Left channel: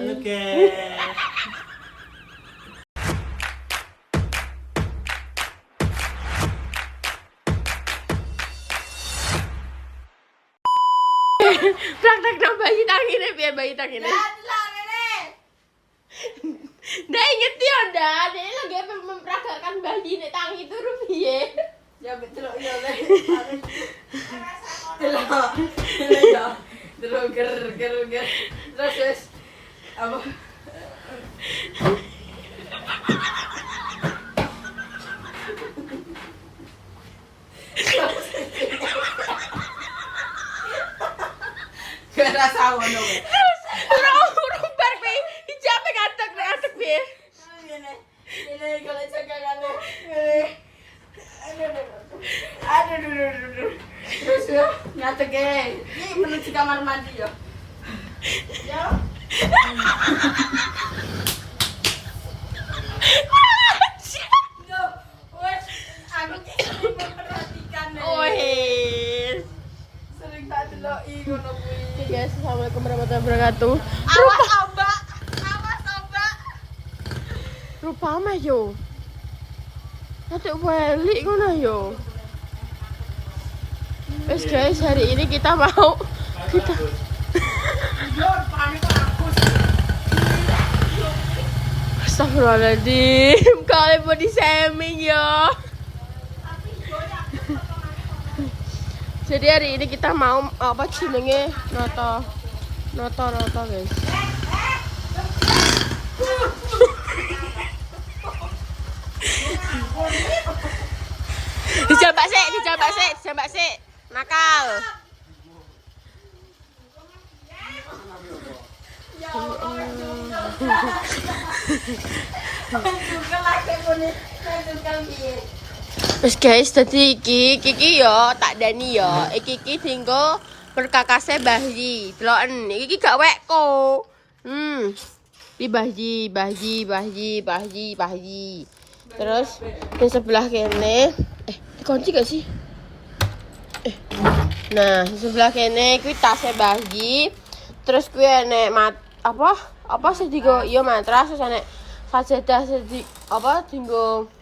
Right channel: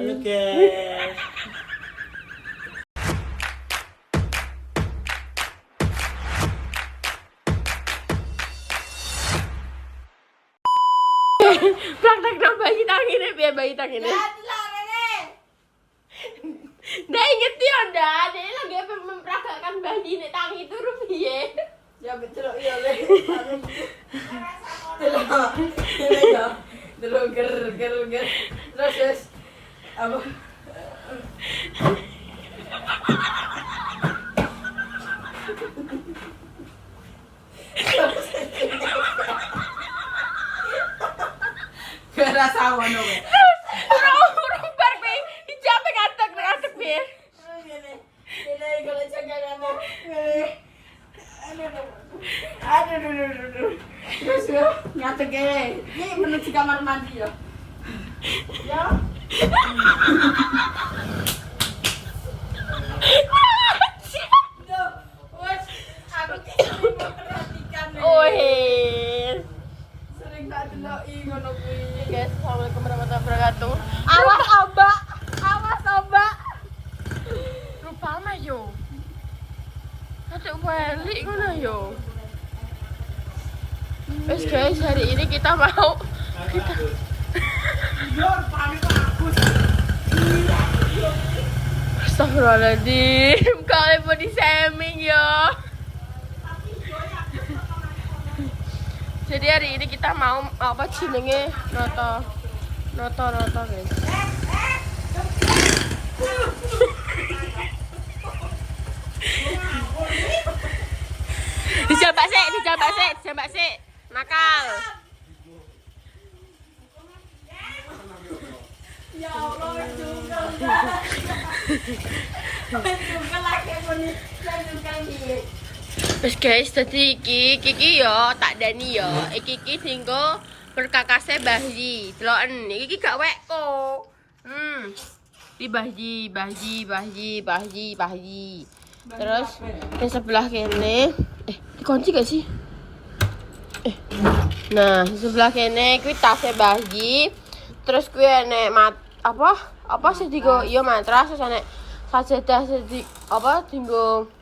Halo guys. Praktek no bayi tangine biar bayi tangine. Ndak inget ya ndak, dia lagi mempraktekkan bayi nek tangi turu piye. Ya betul ya le. Delok ya. Delok ger. Terus apa? Rasa ngono. Urung bar kowe dijape katek piye. Ini kalau cengkakane. Aduh. Terus nyatek ini menuju kamar mandi ya. Ya. Aku sering memperhatikan. Sering tak deloki ngono kuwi. Guys, assalamualaikum warahmatullahi wabarakatuh. Awas ombak. Lupa mah yo. Atuk balik ngono yo. Guys, hari ini kita mau Astagfirullahaladzim, kalian body shaming ya. Jadi hari ini kita mau apa jenenge noto guys. Dijambak sih. Nakal. Terus guys, tadi Kiki yo tak dani yo. Kiki tinggo perkakase Bahji. Deloken iki gak wekku. Iki Bahji. Terus di sebelah kene dikunci gak sih? Nah, di sebelah kene kuwi tase Bahji. Terus kuwi enek apa sih digo iya matras terus enek sajadah sedi apa dinggo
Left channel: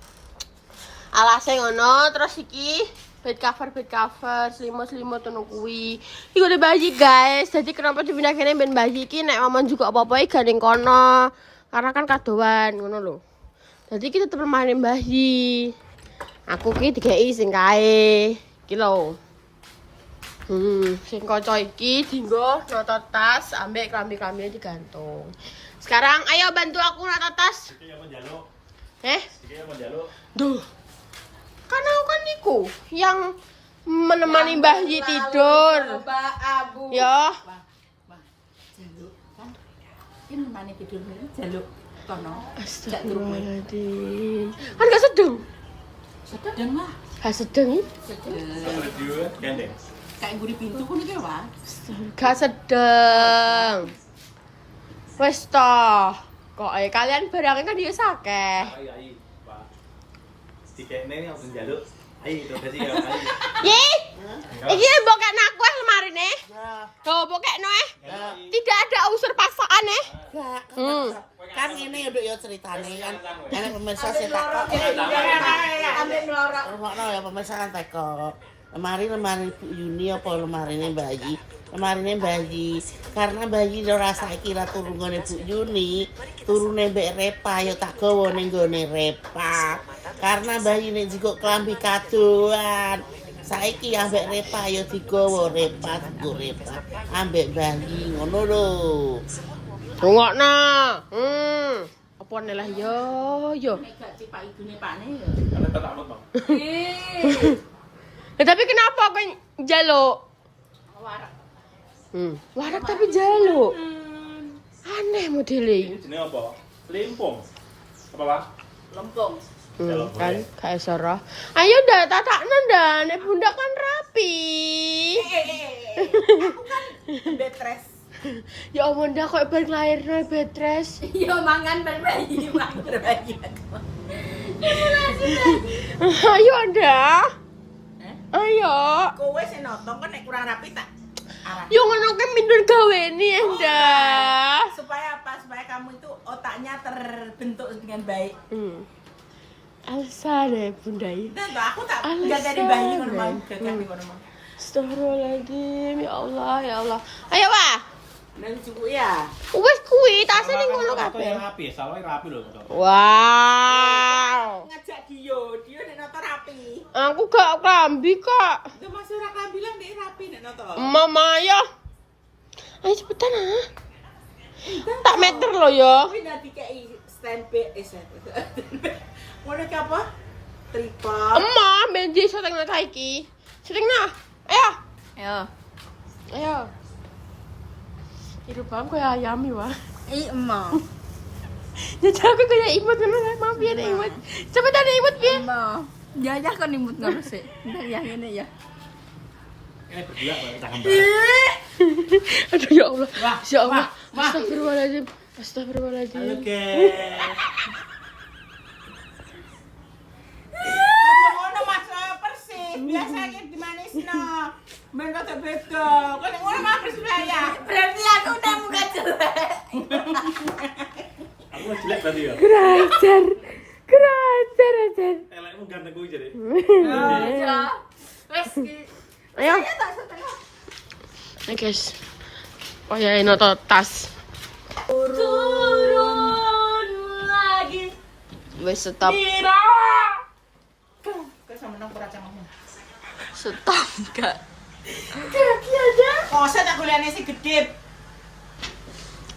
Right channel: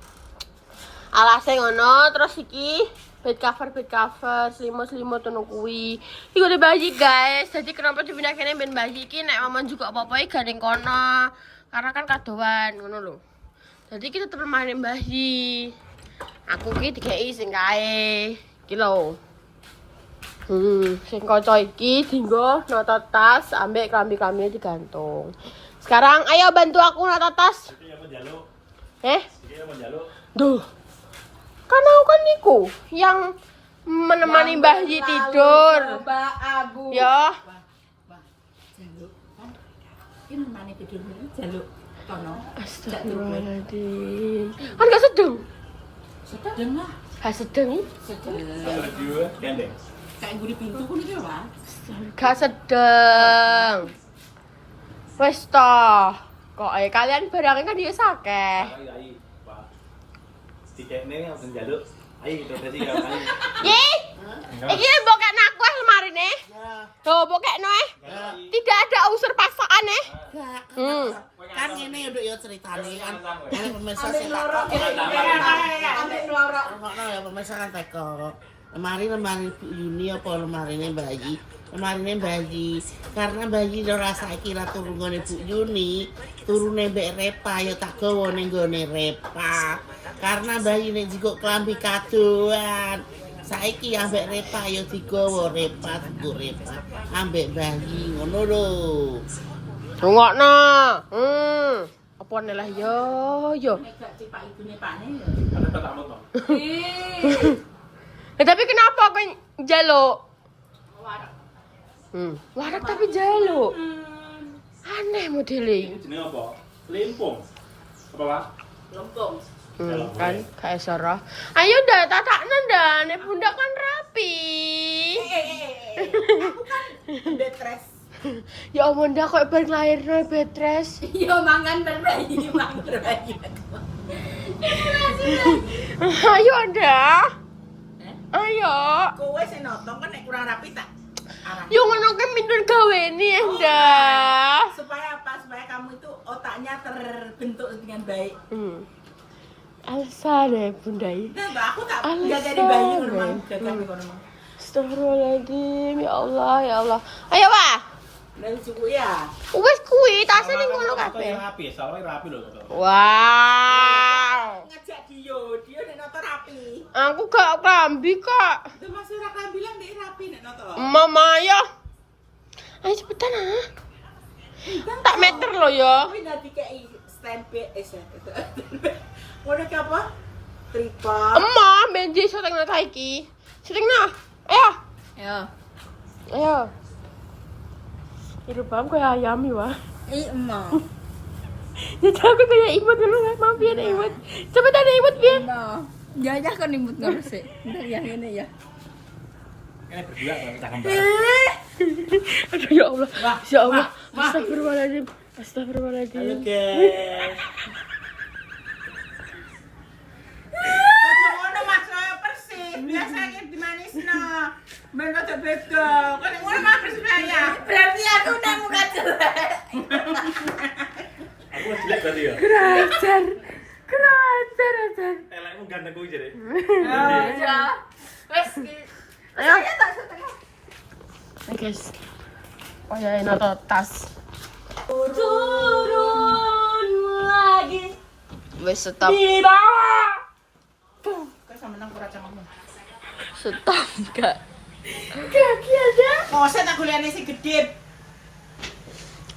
alase ngono, terus iki bed cover selimut ngono kuwi. Iku udah Bahji guys. Jadi kenapa dipindah kene ben Bahji iki nek momen juga apa-apa gandeng kono. Karena kan kadoan ngono lho. Jadi kita tetep mainin Bahji. Aku ki dikei sing kae. Iki lho. Sing kanca iki dinggo noto tas ambek klambi-klambine digantung. Sekarang ayo bantu aku noto tas. Iki apa njaluk? Iki apa njaluk? Duh. Kan aku kan niku yang menemani Bahji tidur. Mbak Abu. Ya. Jaluk kan. Iki nemani tidur iki jaluk kono. Astagfirullahaladzim. Kan gak sedeng. Sedeng lah. Gak sedeng iki. Kalau diwe gandeng. Kayak guri pintu pun iki, Pak. Gak sedeng. Wes toh. Kok kalian barangnya kan dia sakeh. Ayo, Pak. Dikene aku njaluk. Ayo, dadi karo ayo. Ih. Iki mbokekno aku lemarine. Tuh, mbokekno Tidak ada unsur paksaan Kan ini udah ya ceritane kan enek pemirsa sing tak Ambek loro. ngono ya pemirsa kan teko. Lemari Bu Yuni apa lemarine Bayi? Lemarine Bayi. Karena Bayi ora saiki ra turu nggone Bu Yuni, turune mbek Repa ya tak gawa ning nggone Repa. Karena Bayi nek jiko klambi kadoan. Saiki ambek Repa ya digawa Repa, digo Repa. Ambek Bayi ngono lho. Rungokno. Apa nelah yo. Gak cipak ibune pakne ya. Ada tak moto. Tapi kenapa kau jaluk? Warak. Warak tapi jaluk. Aneh modelnya. Ini jenenge apa? Limpung. Apa, Pak? Lempung. Kan kayak Sarah. Ayo dah tataknya dah, nek bunda kan rapi. Aku kan betres. Ya ampun dah kok balik lahir betres. Iya mangan berbayi. Ayo dah. Ayo. Kowe sing nonton kan nek kurang rapi tak Yo ngono ke minun gaweni endah. Supaya apa? Supaya kamu itu otaknya terbentuk dengan baik. Alsa deh bundai. Dan aku tak Alasan, jaga di bayi Ren. rumah, jaga di rumah. Astagfirullahaladzim, ya Allah, ya Allah. Ayo, Wah. Dan suku ya. Wes kuwi tasnya ning ngono kabeh. Rapi, salahnya rapi loh. Wow. Ngajak dia nek nonton rapi. Aku gak kambi kok. Itu Mas ora kan bilang dia rapi nek nonton. Mama ya. Ayo cepetan ah. Tak meter lo ya. Kuwi nanti kayak stempe Ngono ki apa? Tripod. Emah, benji seteng nak iki. Seteng nah. Ayo. Ayo. Ayo. Hidup bang kayak ayam ya, Wah. Emang. Ya aku kayak imut ngono kan, maaf ya imut. Cepetan imut piye? Emang. Jajah kan imut ngono sih. Ntar yang ini ya. Ini berdua kalau kita gambar. Aduh ya Allah. Ya Allah. Ma. Astagfirullahaladzim. Halo Astagfirullahaladzim. guys. Ngono Mas persis. Biasanya dimanisno. Ben kok beda. Kok nek ngono mah persis ya. Berarti aku udah muka jelek. Aku jelek berarti ya. Kerajar. Kerajar aja. Elekmu ganteng kuwi jadi. Oh iya. Wes Ayo. saya tak setengah. Nih guys. Oh ya ini tas. Turun lagi. Wes stop. Di bawah. Kok sama nang ora camamu. Stop enggak. Kaki aja. Masa tak golekane si gede.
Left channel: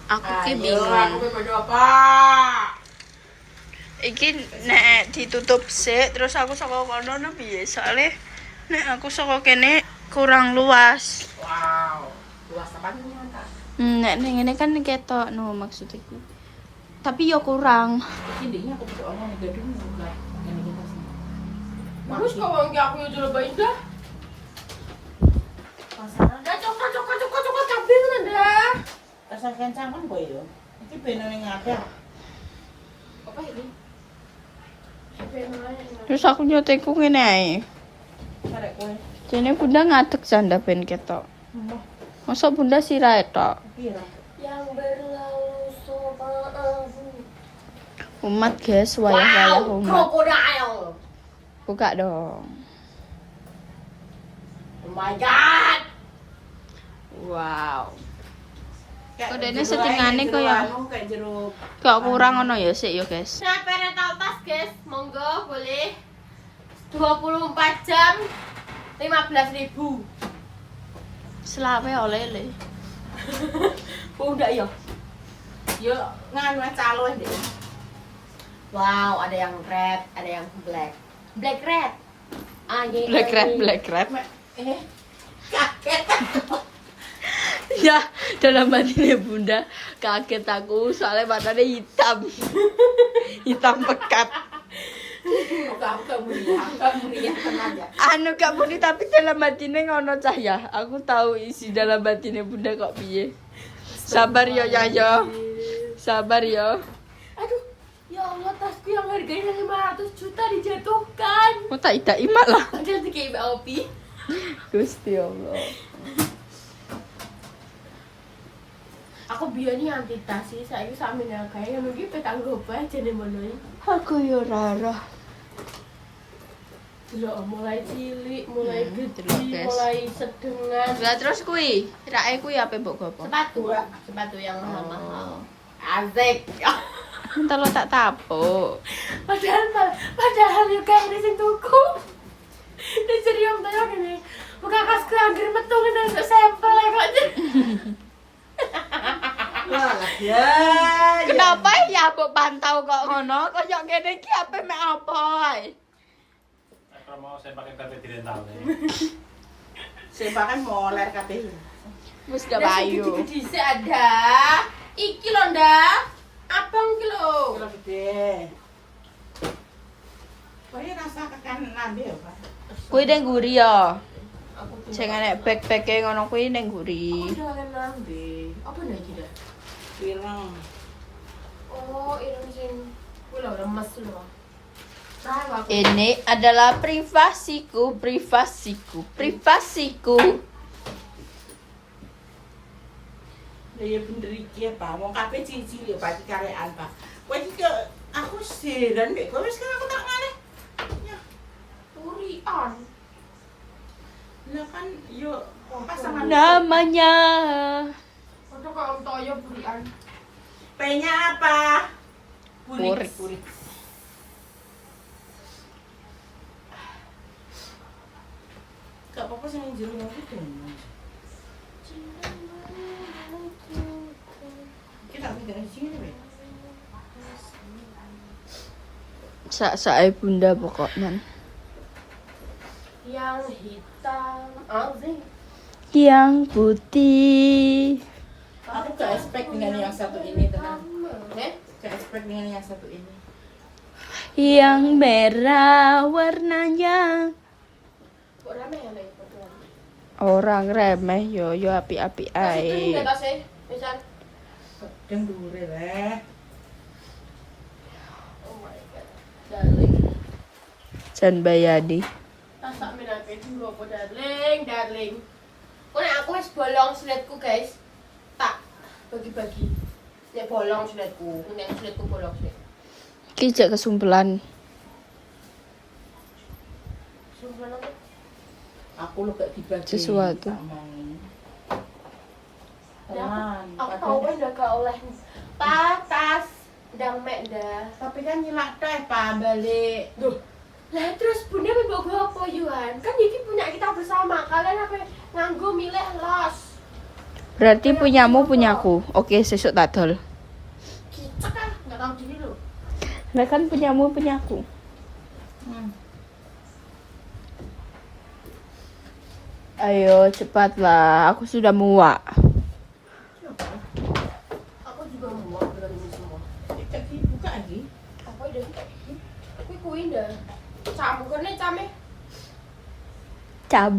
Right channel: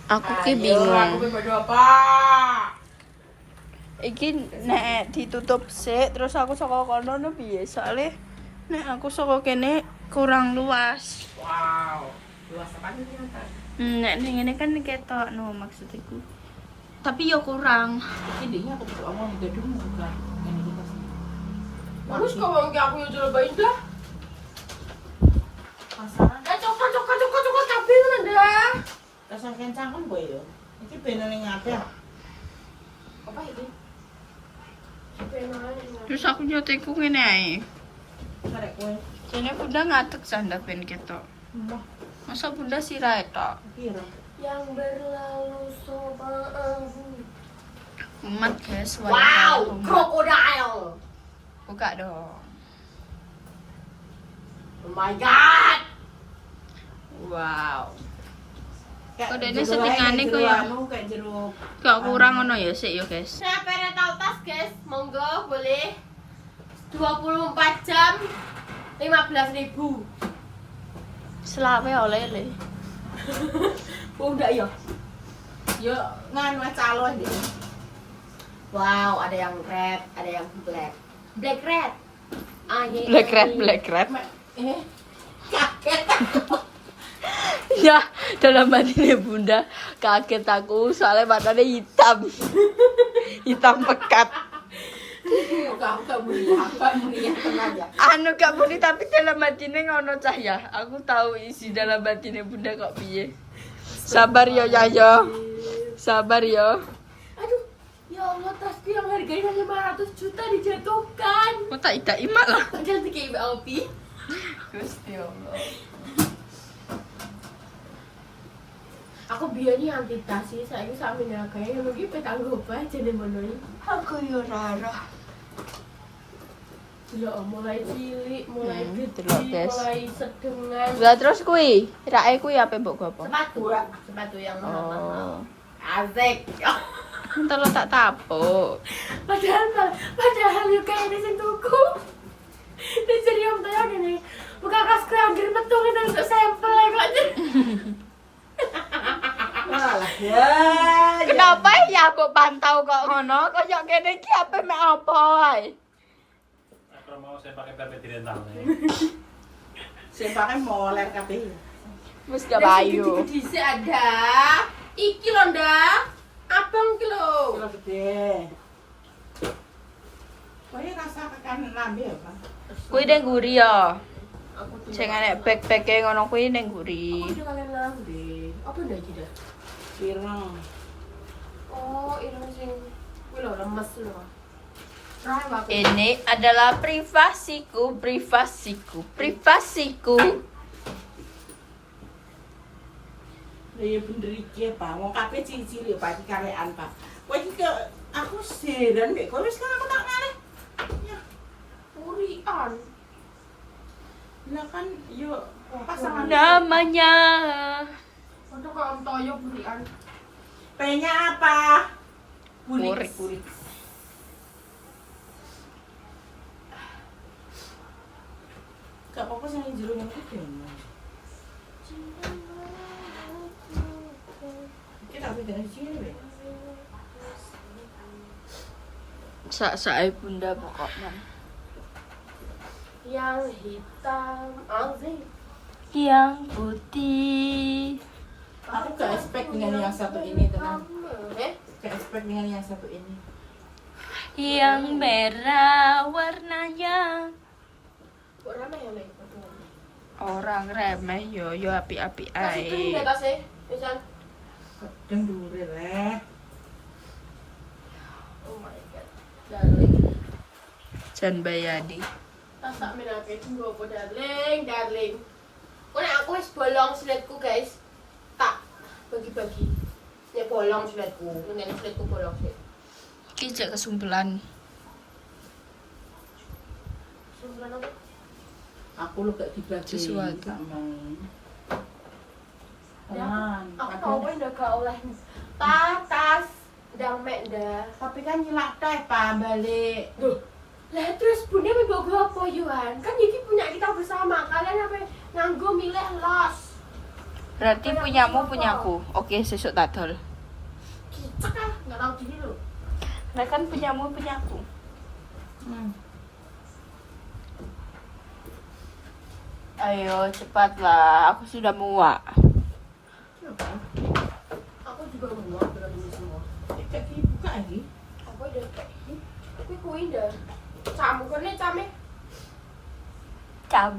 Aku ki Aku bingung. padha apa? Iki nek ditutup sik terus aku saka kono no piye? Soale nek aku saka kene kurang luas. Wow. Luas apa ini? Nek ning ngene kan ketok no maksudku. Tapi yo kurang. Iki ndeknya aku butuh omong ning gedung bukan. Ini kita sih. Terus kok mau aku yang cobain dah? Pasaran. Cocok kabeh tenan dah. Rasa kencang kan boy yo. Iki beno ning ada. Apa ini? Terus aku nyoteku ngene ae. Karek kowe. Jene bunda ngadeg sanda ben ketok. Mbah, Masa bunda sirahe tok. pira? Yang berlalu sopan. Umat guys, wala umat. Crocodile. Buka dong. Oh my god. Wow. Kok dene setengahane kaya- kayak jeruk. Gak kurang ngono ya sik yo guys. Saya pengen tahu tas guys, monggo boleh 24 jam 15.000. Selawe oleh le. Oh udah ya. Yo nganu calon ya. Wow, ada yang red, ada yang black. Black red. Ah, ini Black red. Kaget. Ya, dalam hati bunda kaget aku soalnya matanya hitam. Hitam pekat. Kamu ya tenaga. Anu gak muni tapi dalam hatinya ngono cahya. Aku tahu isi dalam hatinya bunda kok piye. Sabar yo Yahya. Sabar yo. Aduh, ya Allah tasku yang harganya 500 juta dijatuhkan. Mau tak ida imak lah. Padahal kayak BLP. Gusti Allah. Aku biasanya anti tas sih, saya sampe nagai yang lagi petang gopay jadi monoi. Aku yo rara. Loh, mulai cilik, mulai gede, delok, guys. mulai sedengan. Lah terus kuwi, rae kuwi apa mbok gopo? Sepatu yang Oh. asik. Entar lo tak tapuk. Padahal yuk kayak ini sing tuku. Ini jadi om tanya gini, buka kas kerangkir metu kita untuk sampel ya kok. Walah ya. Kenapa ya mbok pantau kok ngono? Kok yo kene iki ape mek apa ae? Kalau mau saya pakai karpet rental nih. Saya pakai moler kabeh. Wis gak payu. Gede ada. Iki lho ndak. Abang ki lho. Kilo gede. Kowe rasa kekan lambe apa? Kuwi ning guri ya. Aku Sing enek bag-bage ngono kuwi ning guri. udah kalian lambe. Apa ndak tidak? Pirang. Oh, ini sing kuwi lho remes lho. Nah, aku Ini adalah privasiku. Ya bener iki, Pak. Wong kabeh cilik Pak iki karekan, Pak. Kowe iki aku siran mek kowe sekarang aku tak ngalih. Ya, Urian. lah kan yo pasangan Namanya Untuk kau toyo Urian. P-nya apa? Puri. Puri. Gak apa-apa sing jero nang kudu. Kita pikir sini weh. sak-sae bunda pokoknya. Yang hitam, anjing. Yang putih. Aku gak expect dengan yang satu ini tenang. Eh? Gak expect dengan yang satu ini. Yang merah warnanya. Kok rame ya lagi berdua? Orang remeh yo api-api Masih kering ae. atasnya, misal. Dan dure weh. Oh my god. Darling. Jan Bayadi. Tasak menake dulu apa darling. Kok nek aku wis bolong siletku guys. Tak bagi-bagi. Nek bolong siletku, nek siletku bolong sih. Ki jak kesumpelan. Sebenarnya apa? Aku lu gak dibagi. Sesuatu. Tenang. Aku tau apa udah gak oleh patas ndang mek ndah. Tapi kan nyilak teh Pak balik. Duh. Lah terus bunda membawa apa Yuhan? Kan ini punya kita bersama. Kalian apa nganggo milih los. Berarti punyamu punyaku. Oke, sesuk tak dol. Kicak kan enggak tahu diri lu. Lah kan punyamu punyaku. Ayo cepatlah, aku sudah muak. Aku juga muak dengan ini semua. Kaki buka lagi. Aku udah tapi kuwi dah. Campurnya came. Cab.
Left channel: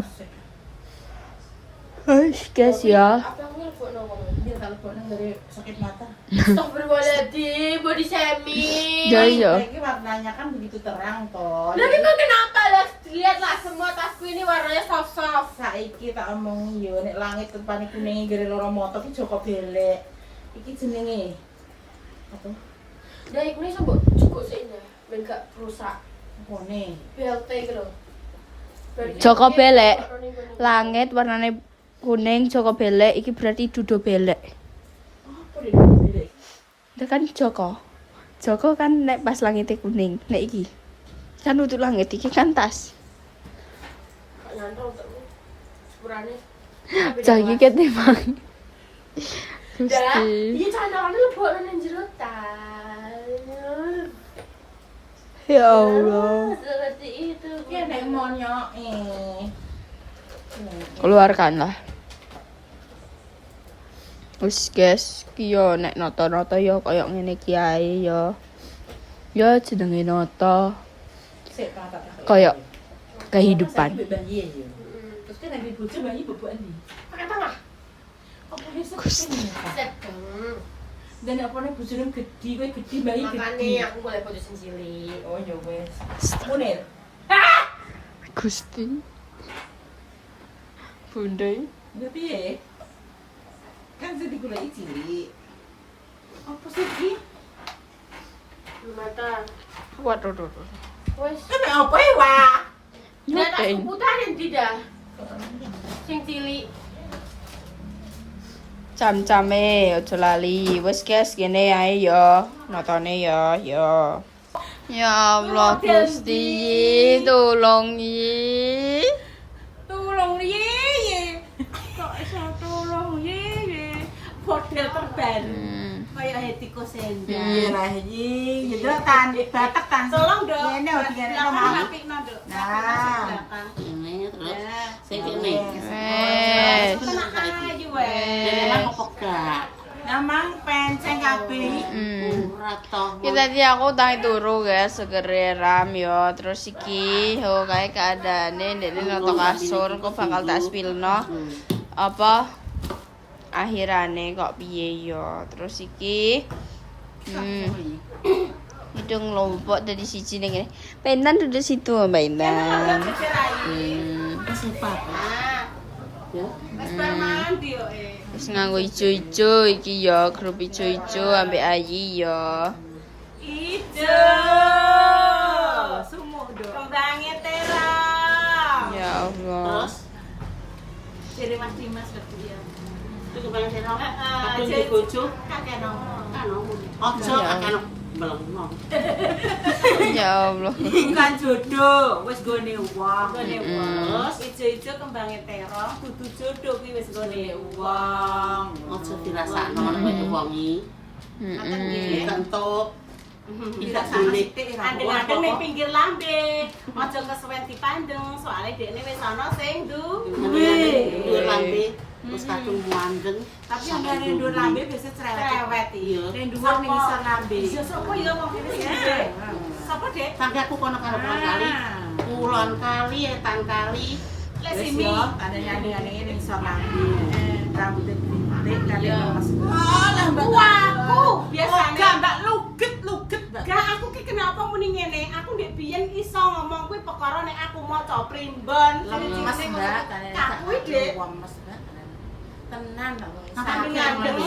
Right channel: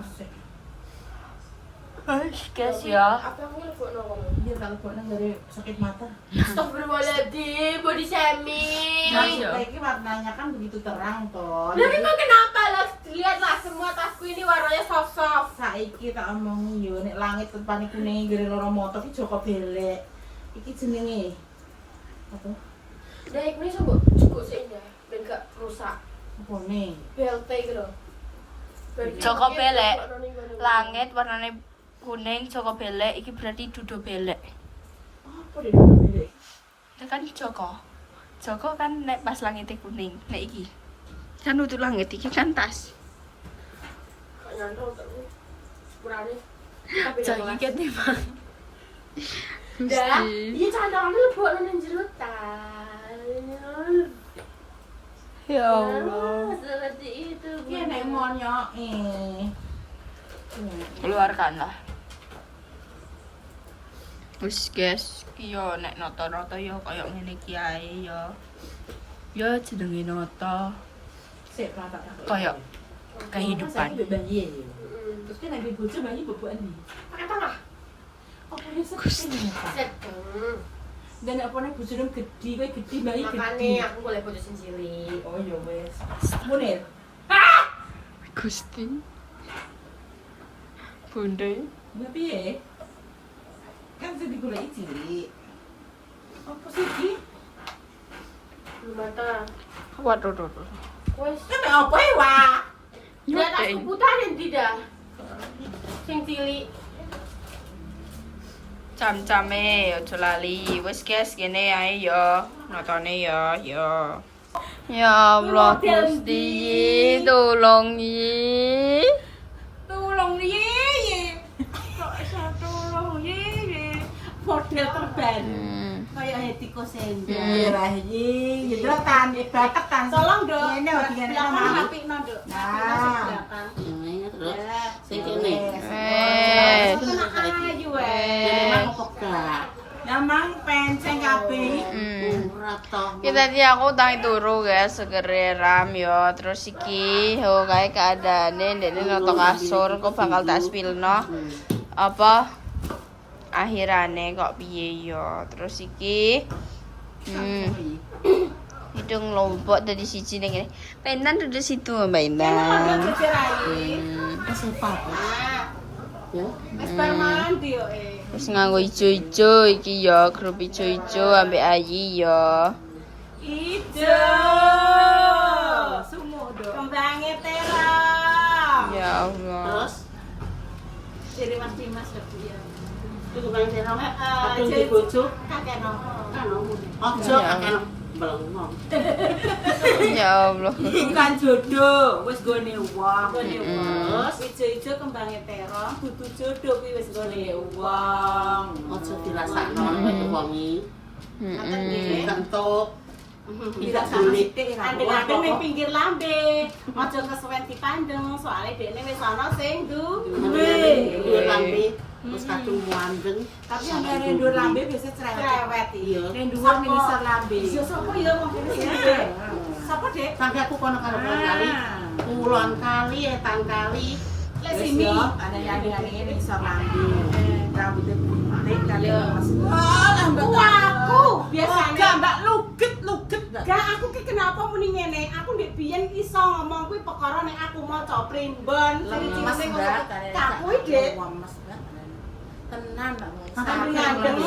Guys ya. Apa aku nelfon ngomong? Dia teleponan dari sakit mata. Astagfirullahaladzim, body shaming. Ya, iya. Lagi warnanya kan begitu terang toh. Tapi kok kenapa lah? Lihatlah semua tasku ini warnanya soft-soft. Saiki tak omong yo nek langit tepane kuning gere loro motor iki Joko Belek. Iki jenenge apa? Nah, ini sambut cukup sih ya, ben gak rusak. Apa nih? BLT gitu. Joko Belek. Langit warnane kuning, Joko Belek iki berarti Dudo Belek. Apa deh Joko Belek? Itu kan Joko. Joko kan nek pas langitnya kuning, nek iki. Kan untuk langit iki kan tas. Kak nyantol tak nih. Sepurane. Jagi ket memang. Dah, Gusti. ini candalane lebok nang jero ta. Ya Allah. Seperti itu. Iki nek monyok Keluarkanlah. Wis guys, ki yo nek noto-noto yo koyo ngene ki ae yo. Yo jenenge noto Sik tak tak. koyo kehidupan. Saiki bayi yo. Terus kan nek bojo bayi bobokan ndi? Pakai tengah. Apa dia sedeng? Sedeng. Dan apa nek bojone gede kowe gede bayi Makane gede. aku boleh putusin cilik. Oh ya wes. Munir. Gusti. Bunda. Ya piye? Kan sing digoleki cilik. Apa sih iki? Mata. Waduh. Wes. Kan apa ya, Wak? Dia tak seputarin tidak. Sing cilik. Cam-came ojo lali. Wis guys, gini ae yo. Notone yo. Ya Allah Gusti, tolong yi. Tolong ye. Kok iso tolong ye. Model terbaru. Kayak Hetiko Senda. Iya lah iki. Gitu tan batek tan. Tolong dong. Ngene kok ngene sama apikno, Nduk. Nah. Terus sing kene. Wes. Ayu Jadi wes. nang pegak. Namang penceng kabeh. Ora toh. Kita tadi aku tangi turu guys, segere ram yo. Terus iki ho kae keadaane ndekne noto kasur kok bakal tak spilno. Apa akhirane kok piye yo. Terus iki hidung lompok dari siji ning ngene. Penan duduk situ Mbak Intan. Nah, Sepat. Ya. wis bar mandi yo. Terus nganggo ijo-ijo iki ya, grup ijo-ijo ambek Ayi ya. Ijo. Sumuk dong. Kembangnya terong. Ya Allah. Terus Jadi Mas Dimas lebih ya. itu kembang terong. Aku Aja. di bojo. Kakek nongkrong. Ojo Ya. kakek belum. Ya Allah. Bukan jodoh, wis gone wong. Terus Ijo-ijo kembangnya terong, dudu jodoh kuwi wis gone wong. ojo dirasakno nek wangi. Heeh. Kentuk. Bisa sama sithik adeng-adeng ning pinggir lambe. Aja kesuwen dipandeng, soalnya dekne wis ana sing Ndur lambe terus kadung muandeng. Tapi yang ngene ndur lambe biasa cerewet iki. Ning dhuwur ning isor lambe. Sapa ya wong kene? Sapa, Dek? Sampai aku kono karo kali. Kulon kali, etan kali. Lek sini ana yang ning isor lambe. Rambutnya putih kali mas. Lah mbak aku biasane mbak luget. Gak aku ki kenapa muni ngene? Aku ndek biyen iso ngomong kuwi perkara nek aku maca primbon. Lemes, Mbak. Tak kuwi, Dek. Tenan. Sampe ngandeng.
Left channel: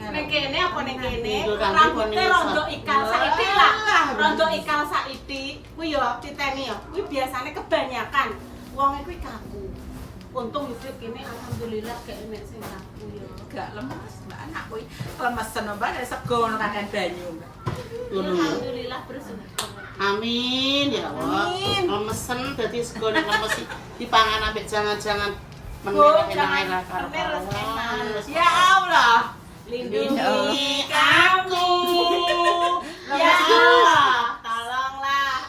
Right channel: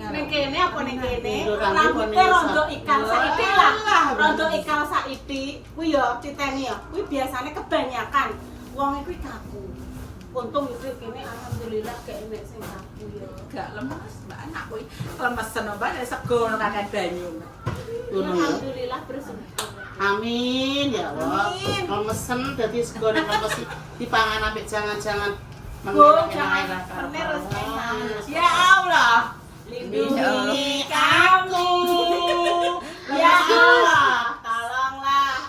Ning kene apa ning kene? Ndur lambe Rambutnya kono rondo iso. ikal saiki lah. Rondo ikal saiki kuwi yo titeni yo. Kuwi biasane kebanyakan wong iku kaku. Untung iku kene alhamdulillah gak enek sing kaku yo. Gak lemes, mbak anak kuwi lemesen mbak ada sego nang kakan banyu. Ngono ya. Alhamdulillah bersyukur. Amin ya Allah. Amin. Lemesen dadi sego nek lemes dipangan ambek jangan-jangan Bu, menir jangan enak karo menir, enak. Ya Allah. Lindungi kami. Ya Allah, tolonglah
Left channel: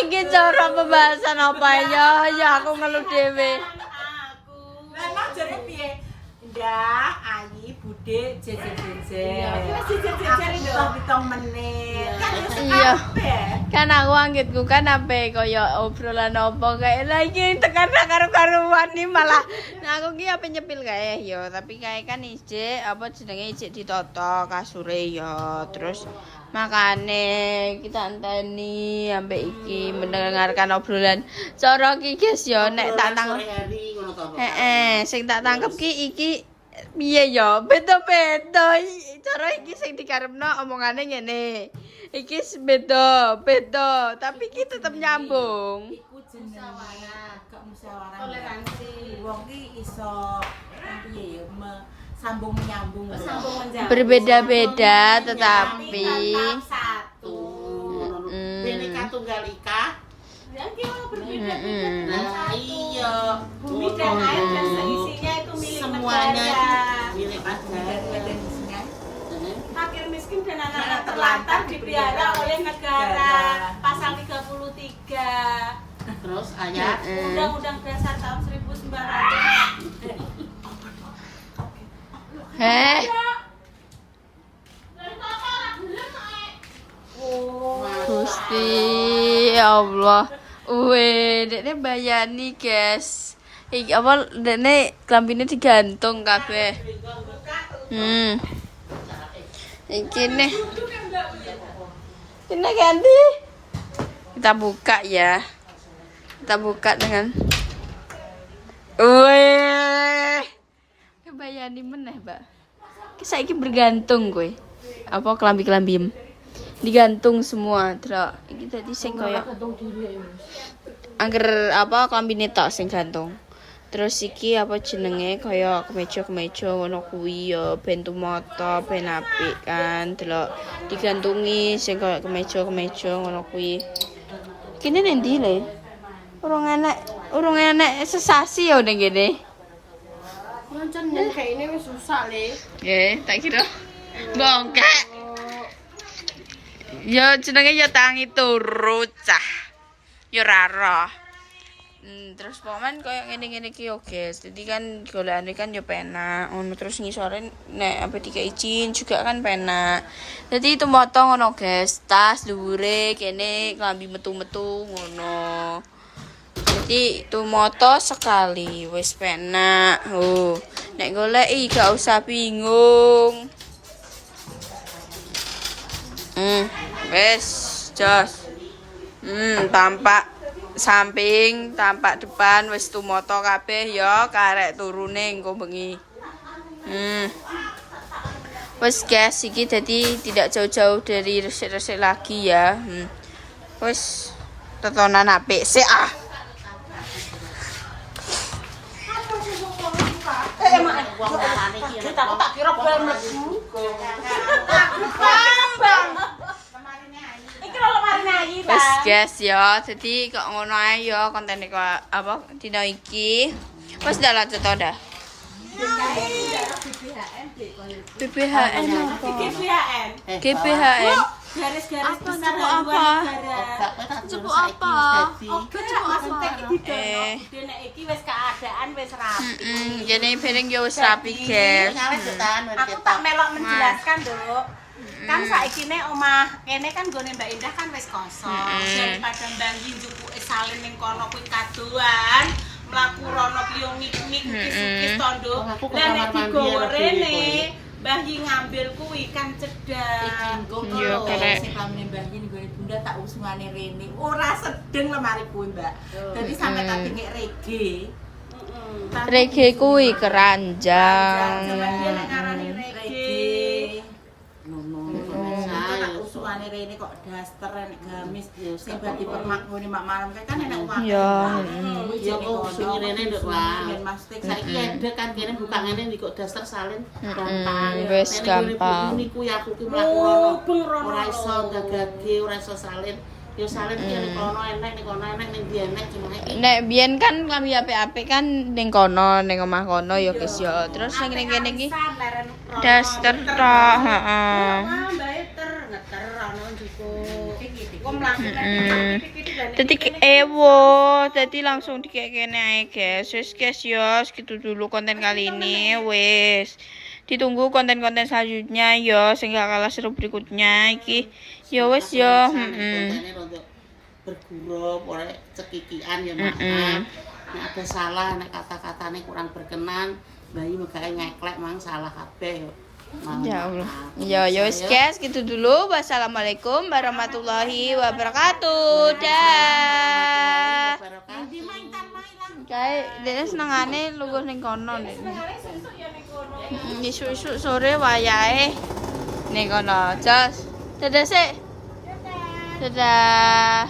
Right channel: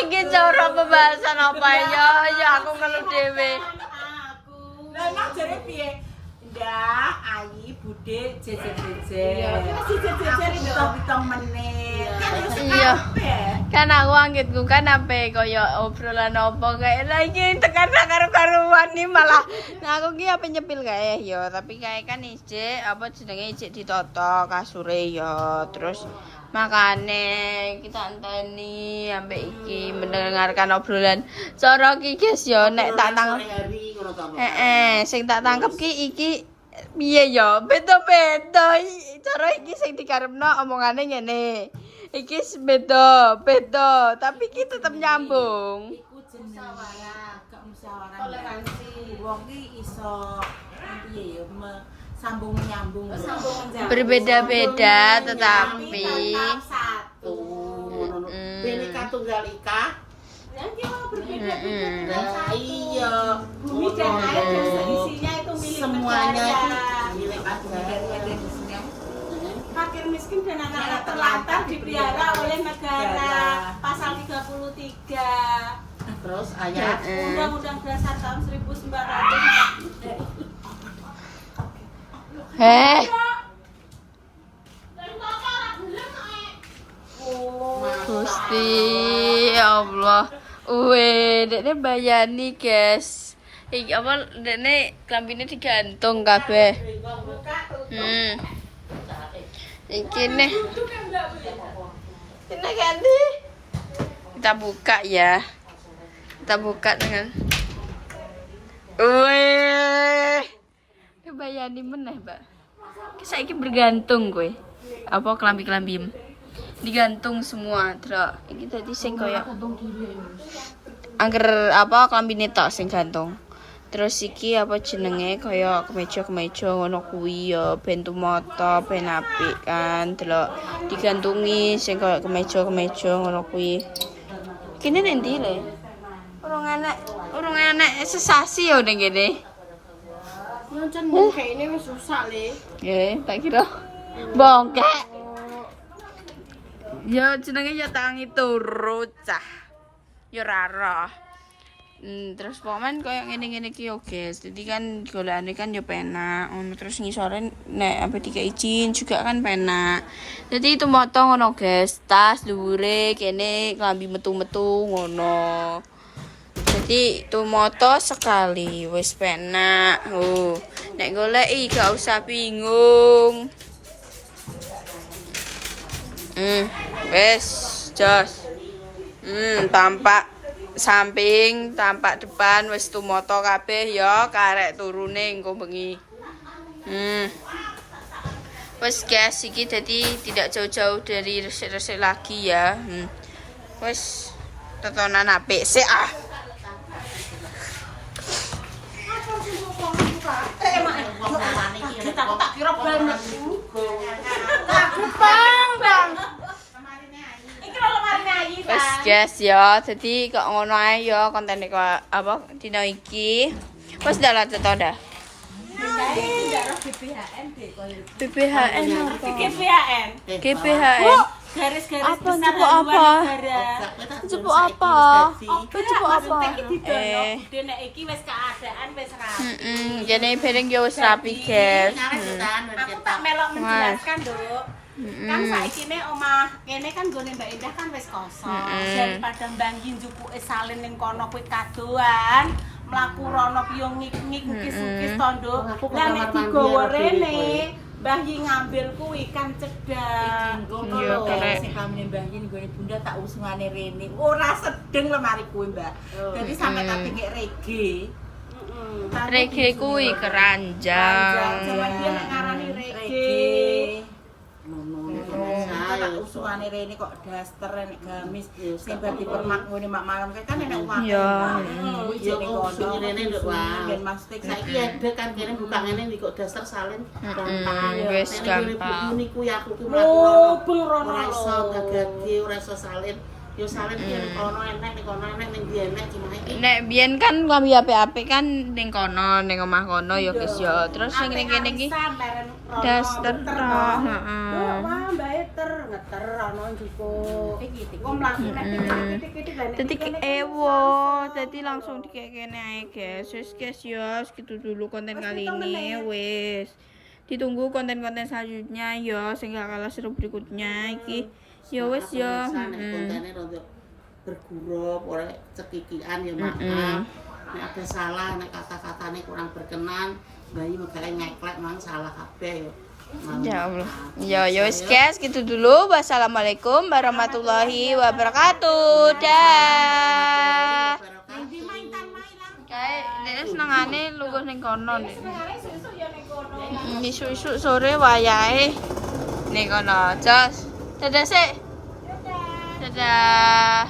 Iki cara pembahasan apa ya? Ya aku ngeluh dhewe. aku. Lah emang jare piye? Ndak, Ayi, Bude, jejer-jejer. Terus jejer-jejer itu. Pitung-pitung menit. Kan wis Iya. kabeh. Kan aku anggitku kan sampe kaya obrolan apa kayak lagi tekan karo-karuan nih malah. Nah aku ki apa nyepil kae ya, tapi kae kan ijik apa jenenge ijik ditoto kasure ya. Terus makane kita anteni ambek iki mendengarkan obrolan cara ki guys ya nek tak tangkep. hari ngono to. Sing tak tangkep ki iki piye ya? Beda-beda. Cara iki sing dikarepno omongane ngene. Iki beda, tapi ki tetep nyambung. Iku jenenge musyawarah. Toleransi. Wong ki iso piye ya sambung menyambung. Sambung menjambung. Berbeda-beda tetapi tetap satu. Ngono. Bineka Tunggal Ika. Yang kita berbeda-beda. Nah, iya. Bumi dan air dan seisinya itu milik Semuanya negara. milik negara. Fakir miskin dan anak-anak terlantar dipelihara oleh negara. Pasal 33 Terus ayat Undang-Undang Dasar tahun 1900. Heh, Gusti Allah. Dekne bayani, guys. Iki apa dekne klambine digantung kabeh. Iki nih. Ini ganti. Kita buka ya. Kita buka dengan bayani meneh, Mbak. Ki saiki bergantung kowe. Apa kelambi-kelambi digantung semua, Trak. Iki dadi sing kaya angger apa klambine tok sing gantung. Terus iki apa jenenge kaya kemeja-kemeja ngono kuwi ya ben tumata, ben apik kan. Delok digantungi sing kaya kemeja-kemeja ngono kuwi. Kene nendi le? Urung enek sesasi ya ning kene. Lancen kayak ini wis rusak le. Tak kira bongkak. Ya jenenge ya tangi turu cah. Ya ora roh. Terus pokoke koyo ngene-ngene iki yo guys. Dadi kan golekane kan yo penak. Ono terus ngisore nek ampe dikai izin juga kan penak. Dadi itu moto ngono guys. Tas dhuwure kene klambi metu-metu ngono. Jadi itu moto sekali wis penak. Nek goleki gak usah bingung. Wis jos. Tampak samping, tampak depan wis tumoto kabeh ya karek turune engko bengi. Wes guys, iki jadi tidak jauh-jauh dari resik-resik lagi ya. Wes tontonan apik sih ah. Kita tak kira banget. Iki lho lemari nyanyi ta. Wes guys ya, jadi kok ngono ae ya kontene kok apa dina iki. Wes dah lanjut to dah. BBHN apa? GPHN. GPHN. Garis-garis Apa, besar jupuk haluan apa? negara. Jupuk apa? Jupuk apa? Iki nek iki wis keadaan wis rapi. Jadi piring ya wis rapi guys. Aku tak melok menjelaskan dulu. Kan saiki ne omah kene kan gone Mbak Indah kan wis kosong. Daripada mbanggi njupuke salin ning kono kuwi kadoan, mlaku rono ki yo ngik-ngik kis-kis tondo. Lah nek digowo rene, mbanggi ngambil kuwi kan cedak. Iya, karek. Sing kamene mbanggi nggone Bunda tak usungane rene. Ora sedeng lemari kuwi, Mbak. Dadi sampe tak dingek rege. Reggae kuwi keranjang. Jaman dia nek ngarani rege. Tak usungane rene kok daster nek gamis sing bar dipermakmuni mak malam kan enek uang. Iya. Ya kok usungi rene nduk wae. Ben mesti Saiki ada kan kene buka ngene iki kok daster salin gampang. Wis gampang. Niku ya aku ki mlaku rono. beng rono. Ora iso gagage, ora iso salin. Yo salin ki nek kono enek, nek kono enek, ning ndi enek gimana iki. Nek biyen kan kami apik-apik kan ning kono, ning omah kono ya guys ya. Terus sing ning kene iki daster tok, heeh. Wah, mbae ngeter ana njupuk. Wong mlaku Dadi ewo, dadi langsung dikene ae guys. Wis guys ya, segitu dulu konten kali ini. Wis. Ditunggu konten-konten selanjutnya ya, sing gak kalah seru berikutnya iki. Ya wis ya, bergurau, oleh cekikian ya maaf. Nek ada salah, nek kata-katanya kurang berkenan, bayi makanya ngeklek mang salah kabeh. Ya Allah. Ya wis guys, gitu dulu. Wassalamualaikum warahmatullahi wabarakatuh. Dah. Kayak dia senengane lugu ning kono nih. Isu-isu sore wayahe ning kono. Jos. Dadah sik. Dadah.